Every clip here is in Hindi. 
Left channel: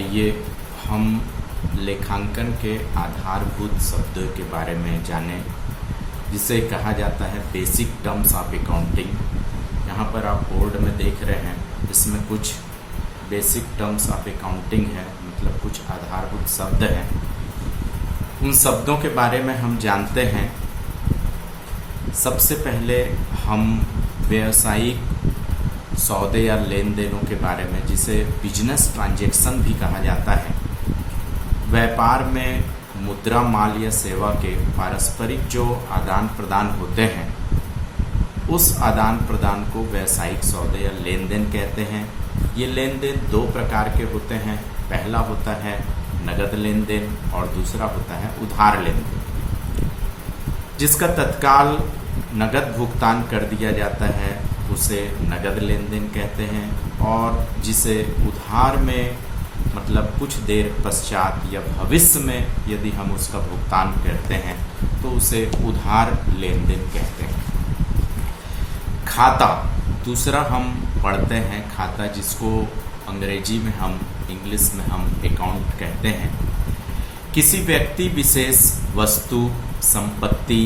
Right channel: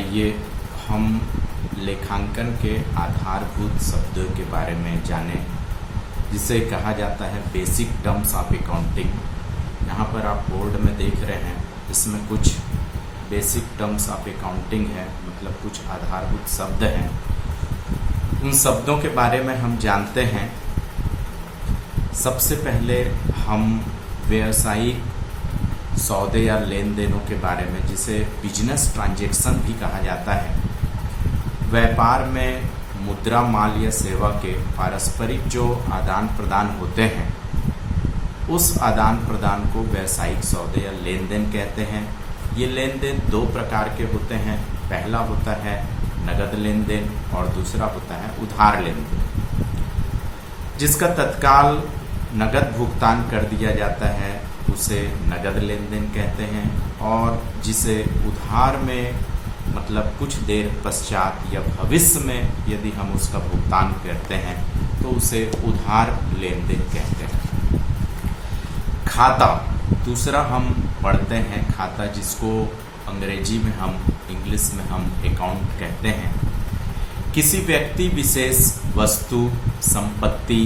आइए हम लेखांकन के आधारभूत शब्दों के बारे में जानें, जिसे कहा जाता है बेसिक टर्म्स ऑफ अकाउंटिंग। यहाँ पर आप बोर्ड में देख रहे हैं, इसमें कुछ बेसिक टर्म्स ऑफ अकाउंटिंग है, मतलब कुछ आधारभूत शब्द हैं। उन शब्दों के बारे में हम जानते हैं। सबसे पहले हम व्यावसायिक सौदे या लेन देनों के बारे में, जिसे बिजनेस ट्रांजैक्शन भी कहा जाता है। व्यापार में मुद्रा, माल या सेवा के पारस्परिक जो आदान प्रदान होते हैं, उस आदान प्रदान को व्यावसायिक सौदे या लेन देन कहते हैं। ये लेन देन दो प्रकार के होते हैं। पहला होता है नगद लेन देन और दूसरा होता है उधार लेन देन। जिसका तत्काल नगद भुगतान कर दिया जाता है उसे नगद लेन देन कहते हैं, और जिसे उधार में मतलब कुछ देर पश्चात या भविष्य में यदि हम उसका भुगतान करते हैं तो उसे उधार लेन देन कहते हैं। खाता दूसरा हम पढ़ते हैं, खाता जिसको अंग्रेजी में हम, इंग्लिश में हम अकाउंट कहते हैं। किसी व्यक्ति विशेष वस्तु, संपत्ति,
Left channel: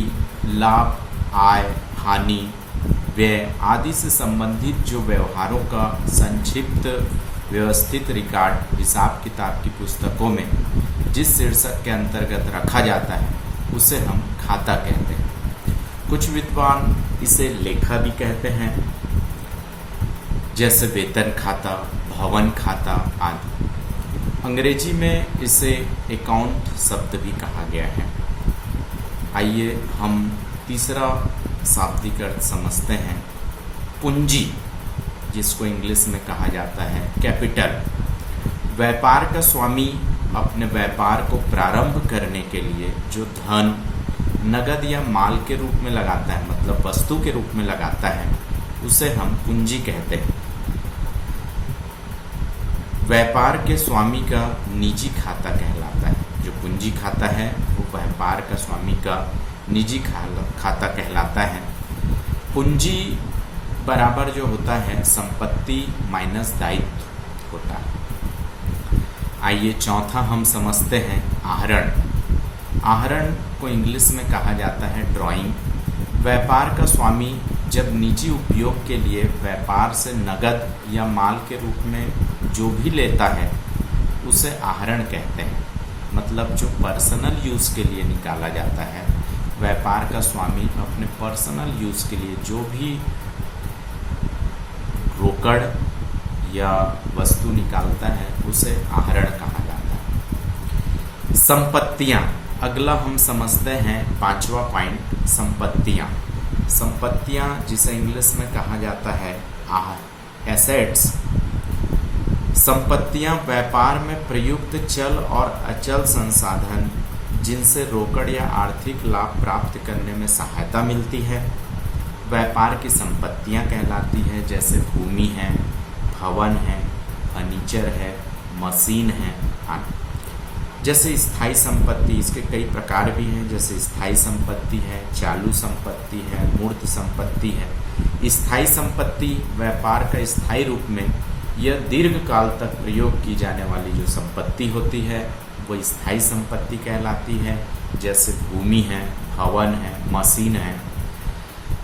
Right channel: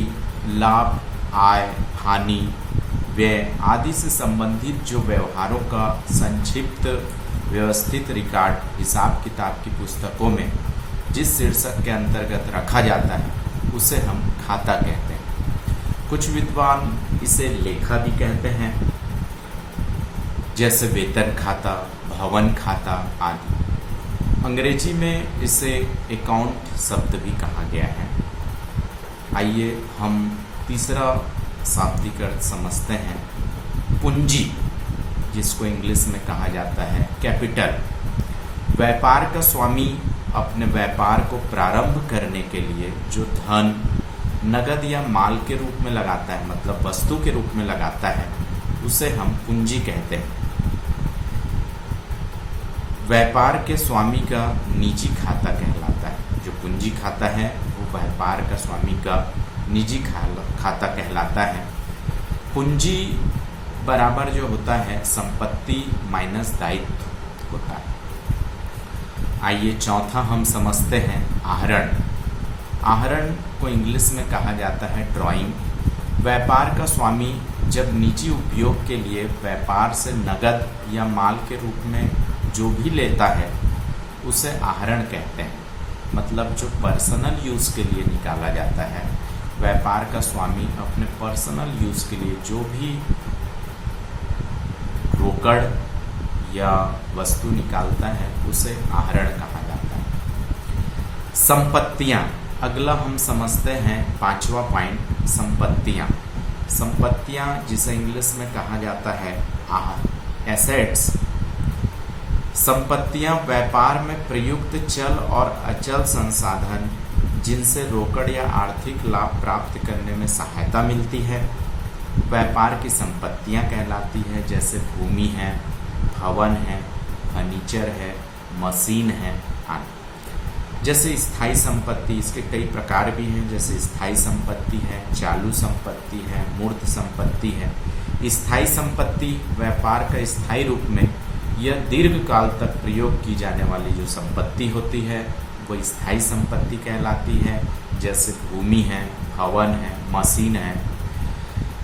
लाभ, आय, हानि, व्यय आदि से संबंधित जो व्यवहारों का संक्षिप्त व्यवस्थित रिकॉर्ड हिसाब किताब की पुस्तकों में जिस शीर्षक के अंतर्गत रखा जाता है उसे हम खाता कहते हैं। कुछ विद्वान इसे लेखा भी कहते हैं, जैसे वेतन खाता, भवन खाता आदि। अंग्रेजी में इसे अकाउंट शब्द भी कहा गया है। आइए हम तीसरा शाब्दिक अर्थ समझते हैं। पूंजी, जिसको इंग्लिश में कहा जाता है कैपिटल। व्यापार का स्वामी अपने व्यापार को प्रारंभ करने के लिए जो धन नगद या माल के रूप में लगाता है, मतलब वस्तु के रूप में लगाता है, उसे हम पूंजी कहते हैं। व्यापार के स्वामी का निजी खाता कहलाता है। जो पूंजी खाता है वो व्यापार का स्वामी का निजी खाता कहलाता है। पूंजी बराबर जो होता है संपत्ति माइनस दायित्व होता है। आइए चौथा हम समझते हैं आहरण। आहरण को इंग्लिश में कहा जाता है ड्राइंग। व्यापार का स्वामी जब निजी उपयोग के लिए व्यापार से नगद या माल के रूप में जो भी लेता है उसे आहरण कहते हैं, मतलब जो पर्सनल यूज के लिए निकाला जाता है। व्यापार का स्वामी अपने पर्सनल यूज के लिए जो भी रोकड़ या वस्तु निकालता है उसे आहरण कहा जाता है। संपत्तियां, अगला हम समझते हैं पांचवा पॉइंट, संपत्तियां। संपत्तियां जिसे इंग्लिश में कहा जाता है एसेट्स। संपत्तियां व्यापार में प्रयुक्त चल और अचल संसाधन जिनसे रोकड़ या आर्थिक लाभ प्राप्त करने में सहायता मिलती है, व्यापार की संपत्तियां कहलाती है। जैसे भूमि है, भवन है, फर्नीचर है, मशीन है आदि। जैसे स्थायी संपत्ति, इसके कई प्रकार भी हैं, जैसे स्थायी संपत्ति है, चालू संपत्ति है, मूर्त संपत्ति है। स्थायी संपत्ति व्यापार का स्थायी रूप में यह दीर्घ काल तक प्रयोग की जाने वाली जो संपत्ति होती है वो स्थायी संपत्ति कहलाती है। जैसे भूमि है, भवन है, मशीन है।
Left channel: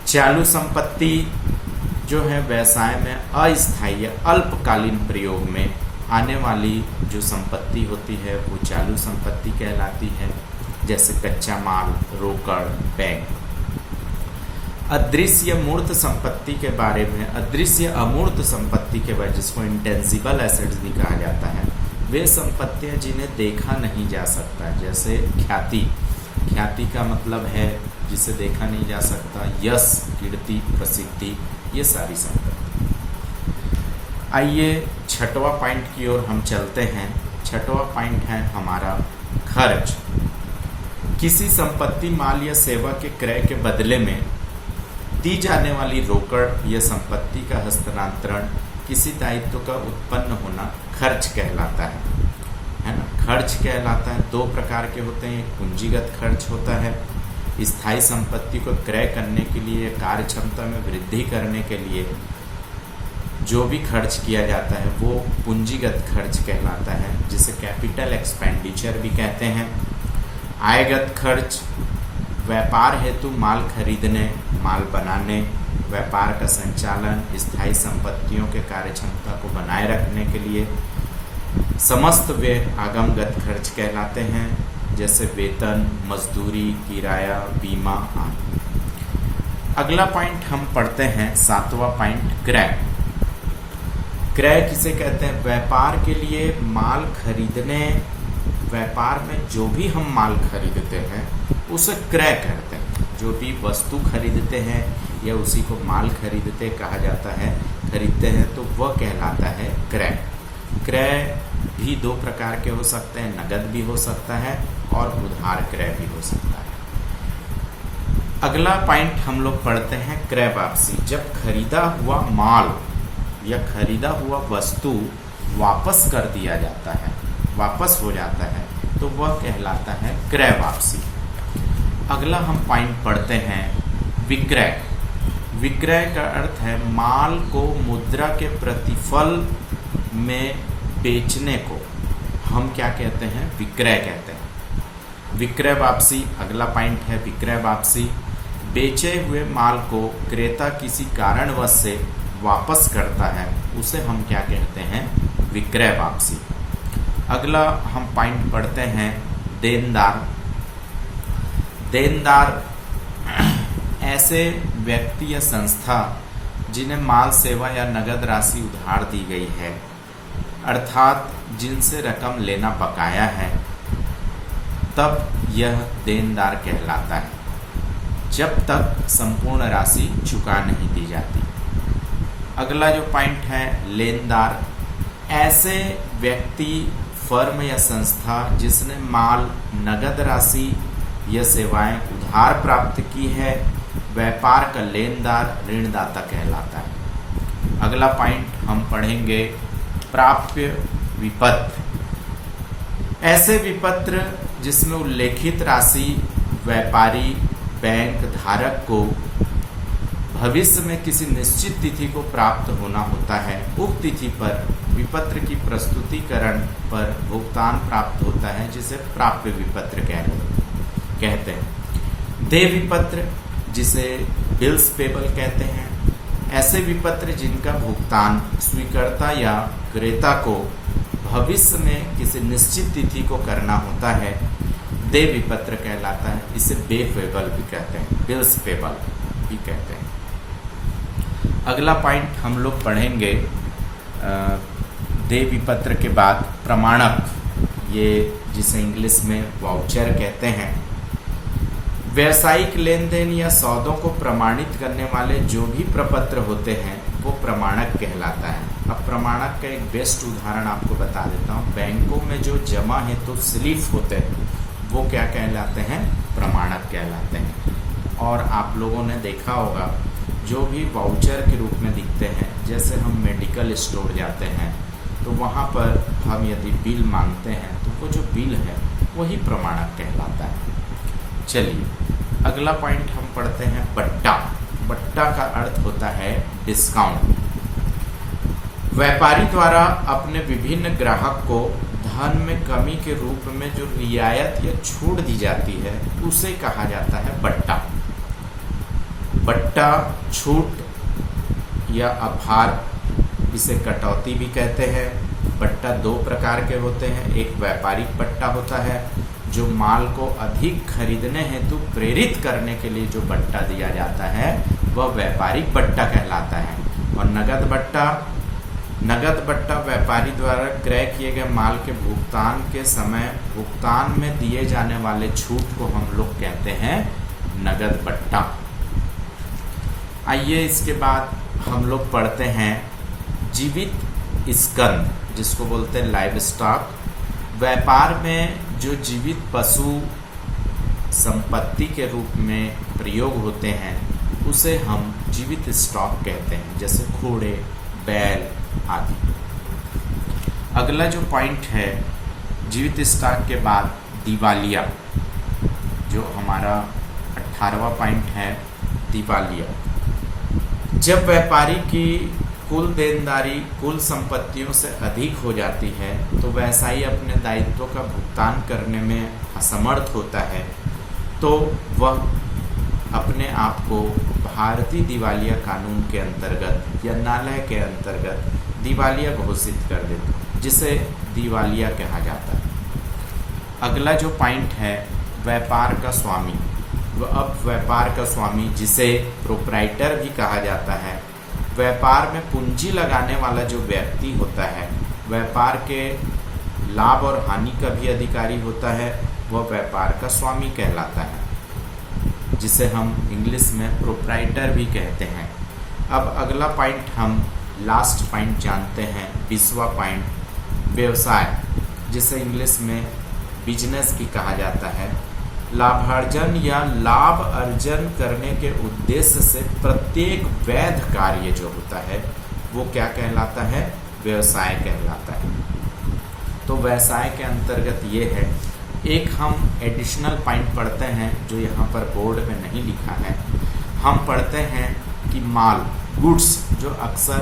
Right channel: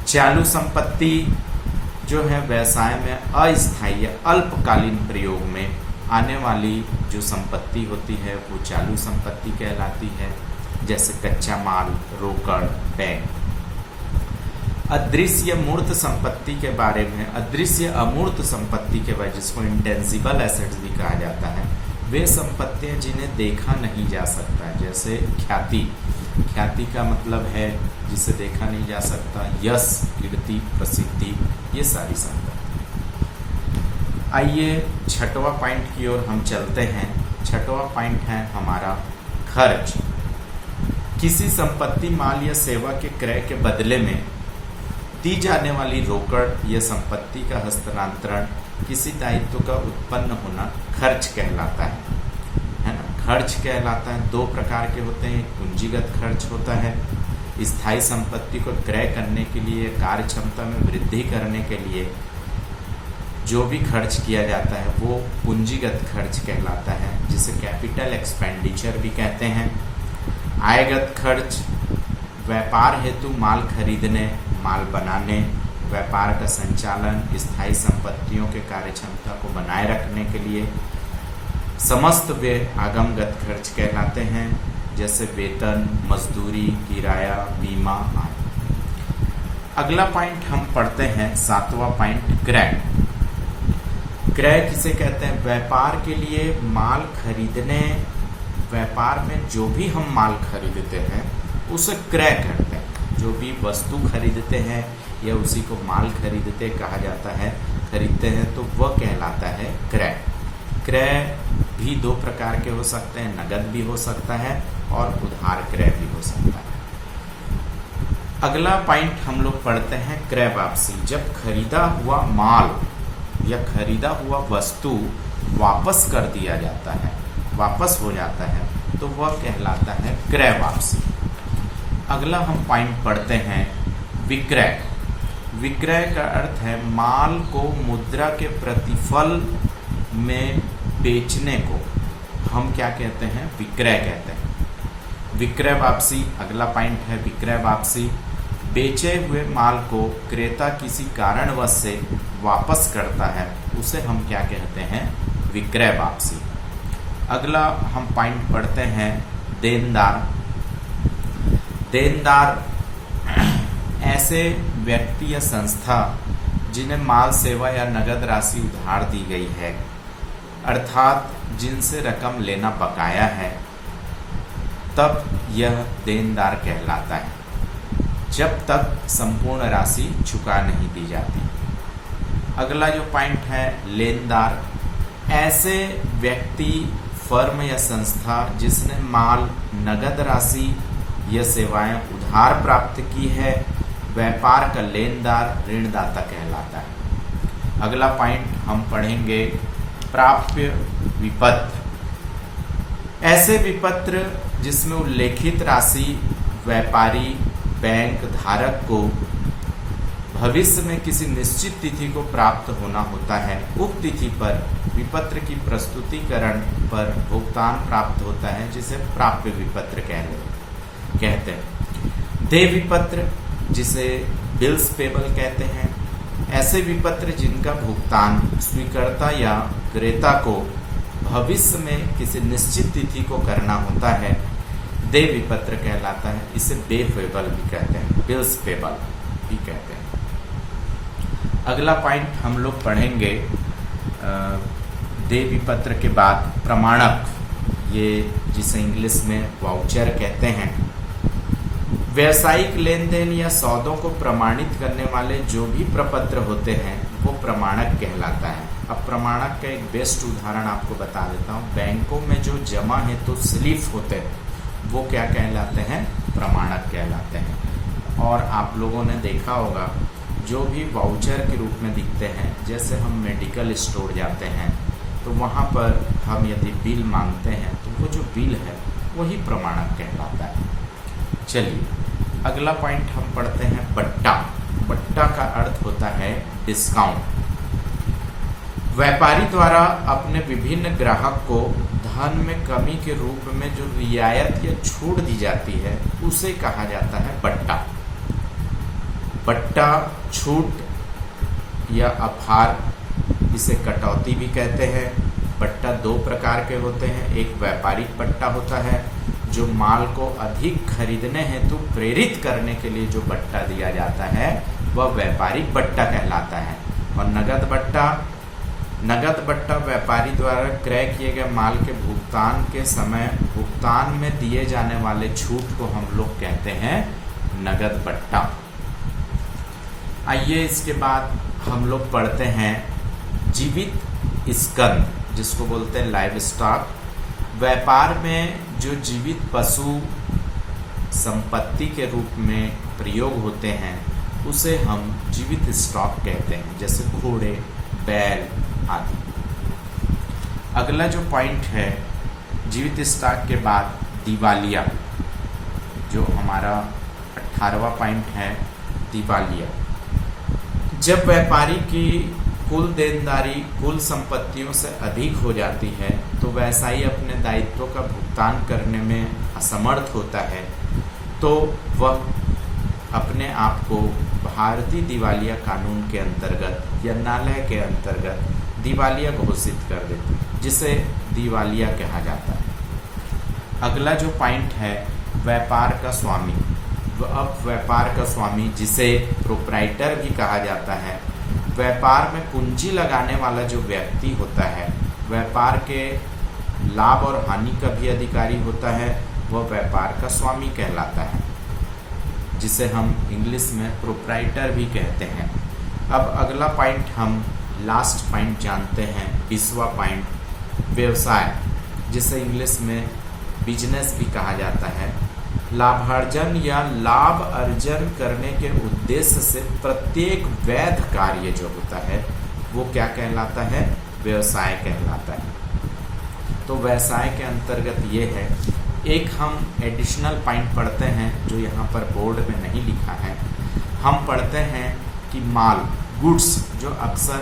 चालू संपत्ति जो है व्यवसाय में अस्थायी या अल्पकालीन प्रयोग में आने वाली जो संपत्ति होती है वो चालू संपत्ति कहलाती है। जैसे कच्चा माल, रोकड़, बैंक। अदृश्य मूर्त संपत्ति के बारे में, अदृश्य अमूर्त संपत्ति के बारे, जिसको इंटेंजिबल एसेट्स भी कहा जाता है, वे संपत्तियां जिन्हें देखा नहीं जा सकता। जैसे ख्याति, ख्याति का मतलब है जिसे देखा नहीं जा सकता। यश, कीर्ति, प्रसिद्धि, ये सारी संपत्ति। आइए छठवां पॉइंट की ओर हम चलते हैं। छठवां पॉइंट है हमारा खर्च। किसी संपत्ति, माल या सेवा के क्रय के बदले में दी जाने वाली रोकड़ या संपत्ति का हस्तांतरण, किसी दायित्व का उत्पन्न होना खर्च कहलाता है ना। खर्च कहलाता है, दो प्रकार के होते हैं। एक पूंजीगत खर्च होता है, स्थायी संपत्ति को क्रय करने के लिए, कार्य क्षमता में वृद्धि करने के लिए जो भी खर्च किया जाता है वो पूंजीगत खर्च कहलाता है, जिसे कैपिटल एक्सपेंडिचर भी कहते हैं। आयगत खर्च व्यापार हेतु माल खरीदने, माल बनाने, व्यापार का संचालन, स्थायी संपत्तियों के कार्यक्षमता को बनाए रखने के लिए समस्त व्यय आगमगत खर्च कहलाते हैं, जैसे वेतन, मजदूरी, किराया, बीमा आदि। अगला पॉइंट हम पढ़ते हैं, 7वां पॉइंट, क्रय। क्रय किसे कहते हैं? व्यापार के लिए माल खरीदने, व्यापार में जो भी हम माल खरीदते हैं उसे क्रय कहते हैं। जो भी वस्तु खरीदते हैं या उसी को माल खरीदते कहा जाता है, खरीदते हैं, तो वह कहलाता है क्रय। क्रय भी दो प्रकार के हो सकते हैं, नगद भी हो सकता है और उधार क्रय भी हो सकता है। अगला पॉइंट हम लोग पढ़ते हैं, क्रय वापसी। जब खरीदा हुआ माल या खरीदा हुआ वस्तु वापस कर दिया जाता है, वापस हो जाता है, तो वह कहलाता है क्रय वापसी। अगला हम पॉइंट पढ़ते हैं, विक्रय। विक्रय का अर्थ है माल को मुद्रा के प्रतिफल में बेचने को हम क्या कहते हैं? विक्रय कहते हैं। विक्रय वापसी अगला पॉइंट है, विक्रय वापसी। बेचे हुए माल को क्रेता किसी कारणवश से वापस करता है, उसे हम क्या कहते हैं? विक्रय वापसी। अगला हम पॉइंट पढ़ते हैं, देनदार। देनदार ऐसे व्यक्ति या संस्था जिन्हें माल, सेवा या नगद राशि उधार दी गई है, अर्थात जिनसे रकम लेना बकाया है, तब यह देनदार कहलाता है, जब तक संपूर्ण राशि चुका नहीं दी जाती। अगला जो पॉइंट है, लेनदार। ऐसे व्यक्ति, फर्म या संस्था जिसने माल, नगद राशि या सेवाएं उधार प्राप्त की है, व्यापार का लेनदार ऋणदाता कहलाता है। अगला पॉइंट हम पढ़ेंगे, प्राप्य विपत्र। ऐसे विपत्र जिसमें उल्लेखित राशि व्यापारी, बैंक धारक को भविष्य में किसी निश्चित तिथि को प्राप्त होना होता है, उक्त तिथि पर विपत्र की प्रस्तुतिकरण पर भुगतान प्राप्त होता है, जिसे प्राप्य विपत्र कहते हैं। देय विपत्र, जिसे बिल्स पेबल कहते हैं। ऐसे विपत्र जिनका भुगतान स्वीकर्ता या क्रेता को भविष्य में किसी निश्चित तिथि को करना होता है, देय विपत्र कहलाता है। इसे बे पेबल भी कहते हैं, बिल्स पेबल भी कहते हैं। अगला पॉइंट हम लोग पढ़ेंगे, देय विपत्र के बाद प्रमाणक, ये जिसे इंग्लिश में वाउचर कहते हैं। व्यावसायिक लेन देन या सौदों को प्रमाणित करने वाले जो भी प्रपत्र होते हैं वो प्रमाणक कहलाता है। अब प्रमाणक का एक बेस्ट उदाहरण आपको बता देता हूँ। बैंकों में जो जमा हेतु स्लिप होते हैं वो क्या कहलाते हैं? प्रमाणक कहलाते हैं। और आप लोगों ने देखा होगा जो भी वाउचर के रूप में दिखते हैं, जैसे हम मेडिकल स्टोर जाते हैं तो वहाँ पर हम यदि बिल मांगते हैं तो वो जो बिल है वही प्रमाणक कहलाता है। चलिए अगला पॉइंट हम पढ़ते हैं, बट्टा। बट्टा का अर्थ होता है डिस्काउंट। व्यापारी द्वारा अपने विभिन्न ग्राहक को धन में कमी के रूप में जो रियायत या छूट दी जाती है उसे कहा जाता है बट्टा। बट्टा, छूट या आभार, इसे कटौती भी कहते हैं। बट्टा दो प्रकार के होते हैं। एक व्यापारिक बट्टा होता है जो माल को अधिक खरीदने हेतु प्रेरित करने के लिए जो बट्टा दिया जाता है वह व्यापारिक बट्टा कहलाता है। और नगद बट्टा, नगद बट्टा व्यापारी द्वारा क्रय किए गए माल के भुगतान के समय भुगतान में दिए जाने वाले छूट को हम लोग कहते हैं नगद बट्टा। आइए इसके बाद हम लोग पढ़ते हैं जीवित स्कंद, जिसको बोलते हैं लाइव स्टॉक। व्यापार में जो जीवित पशु संपत्ति के रूप में प्रयोग होते हैं उसे हम जीवित स्टॉक कहते हैं, जैसे घोड़े, बैल आदि। अगला जो पॉइंट है जीवित स्टॉक के बाद दिवालिया, जो हमारा 18वां पॉइंट है, दिवालिया। जब व्यापारी की कुल देनदारी कुल संपत्तियों से अधिक हो जाती है तो व्यवसायी अपने दायित्वों का भुगतान करने में असमर्थ होता है, तो वह अपने आप को भारतीय दिवालिया कानून के अंतर्गत या न्यायालय के अंतर्गत दिवालिया घोषित कर देते हैं, जिसे दिवालिया कहा जाता है। अगला जो पॉइंट है व्यापार का स्वामी। अब व्यापार का स्वामी, जिसे प्रोप्राइटर भी कहा जाता है, व्यापार में पूंजी लगाने वाला जो व्यक्ति होता है, व्यापार के लाभ और हानि का भी अधिकारी होता है, वह व्यापार का स्वामी कहलाता है, जिसे हम इंग्लिश में प्रोप्राइटर भी कहते हैं। अब अगला पॉइंट हम लास्ट पॉइंट जानते हैं, 20वां पॉइंट, व्यवसाय, जिसे इंग्लिश में बिजनेस भी कहा जाता है। लाभार्जन या लाभ अर्जन करने के उद्देश्य से प्रत्येक वैध कार्य जो होता है वो क्या कहलाता है? व्यवसाय कहलाता है। तो व्यवसाय के अंतर्गत ये है। एक हम एडिशनल पॉइंट पढ़ते हैं जो यहाँ पर बोर्ड में नहीं लिखा है। हम पढ़ते हैं कि माल, गुड्स, जो अक्सर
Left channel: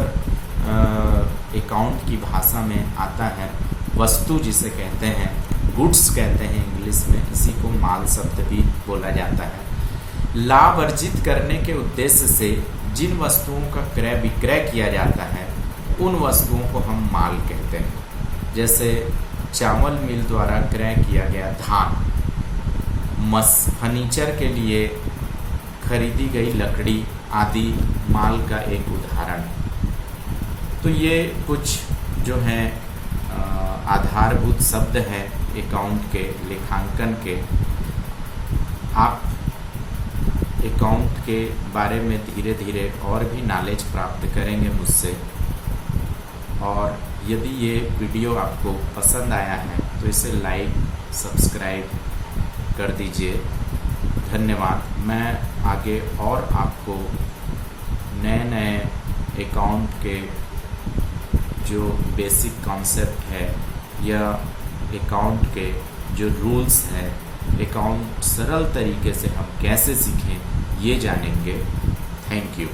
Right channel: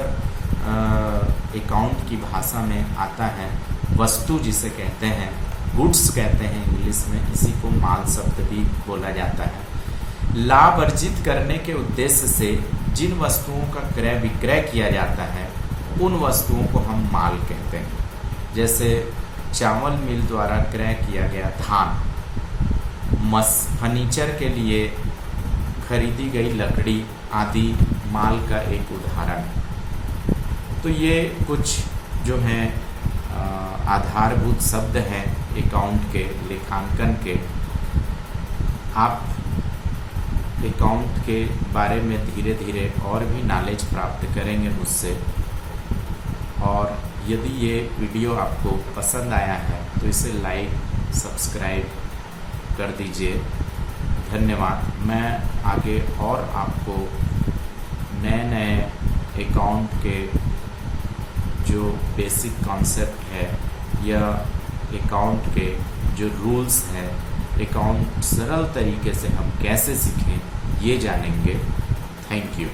अकाउंट की भाषा में आता है, वस्तु जिसे कहते हैं, गुड्स कहते हैं इंग्लिश में, इसी को माल शब्द भी बोला जाता है। लाभ अर्जित करने के उद्देश्य से जिन वस्तुओं का क्रय विक्रय किया जाता है उन वस्तुओं को हम माल कहते हैं। जैसे चावल मिल द्वारा क्रय किया गया धान, फर्नीचर के लिए खरीदी गई लकड़ी आदि माल का एक उदाहरण। तो ये कुछ जो है आधारभूत शब्द हैं अकाउंट के, लेखांकन के। आप अकाउंट के बारे में धीरे धीरे और भी नॉलेज प्राप्त करेंगे मुझसे। और यदि ये वीडियो आपको पसंद आया है तो इसे लाइक, सब्सक्राइब कर दीजिए। धन्यवाद। मैं आगे और आपको नए नए अकाउंट के जो बेसिक कॉन्सेप्ट है या अकाउंट के जो रूल्स हैं, अकाउंट सरल तरीके से हम कैसे सीखें, ये जानेंगे। Thank you.